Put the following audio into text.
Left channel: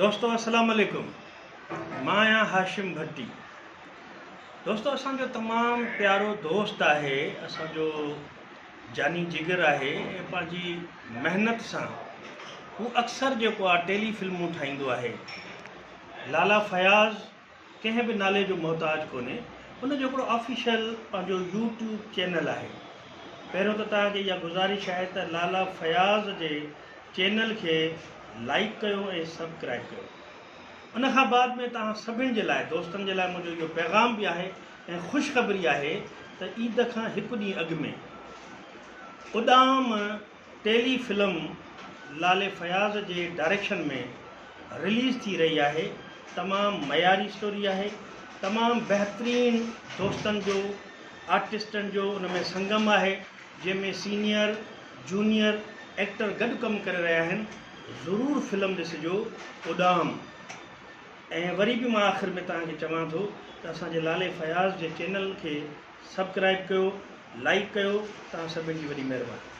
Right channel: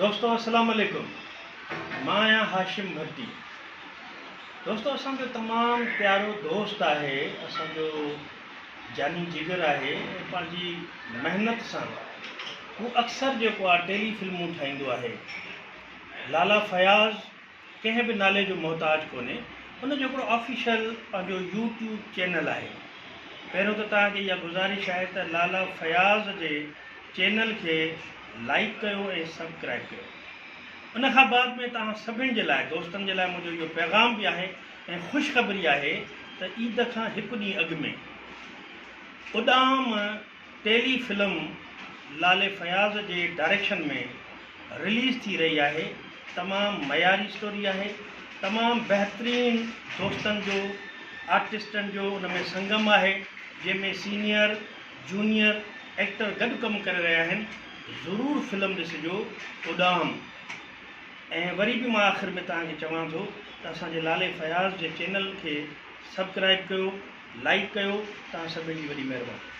दोस्तों अस्सलाम वालेकुम। मां आहियां हाशिम भट्टी। दोस्तों असांजो तमामु प्यारो दोस्त आहे, असांजो जानी जिगर आहे। पंहिंजी महिनत सां हू अक्सर जेको आहे टेली फिल्मूं ठाहींदो आहे। लाला फयाज़ कंहिं बि नाले जो मोहताज कोन्हे। उन जो हिकिड़ो ऑफिशियल पंहिंजो यूट्यूब चैनल आहे। पहिरियों त तव्हांखे इहा गुज़ारिश आहे त लाला फयाज़ जे चैनल खे लाइक कयो ऐं सब्सक्राइब कयो। उन खां बाद में तव्हां सभिनि जे लाइ, दोस्तनि जे लाइ मुंहिंजो इहो पैगाम बि आहे ऐं ख़ुशख़बरी आहे त ईद खां हिकु ॾींहुं अॻु में उॾाम टेली फिल्म लाले फयाज़ जे डायरेक्शन में रिलीज़ थी रही आहे। तमामु मयारी स्टोरी आहे, तमामु बहितरीनु दोस्तनि जो, आर्टिस्टनि जो उन में संगम आहे, जंहिंमें सीनियर जूनियर एक्टर गॾु कमु करे रहिया आहिनि। ज़रूरु फिल्म ॾिसिजो उॾाम। ऐं वरी बि मां आख़िर में तव्हांखे चवां थो त असांजे लाले फयाज़ जे चैनल खे सब्सक्राइब कयो, लाइक कयो। तव्हां सभिनी जी वॾी महिरबानी।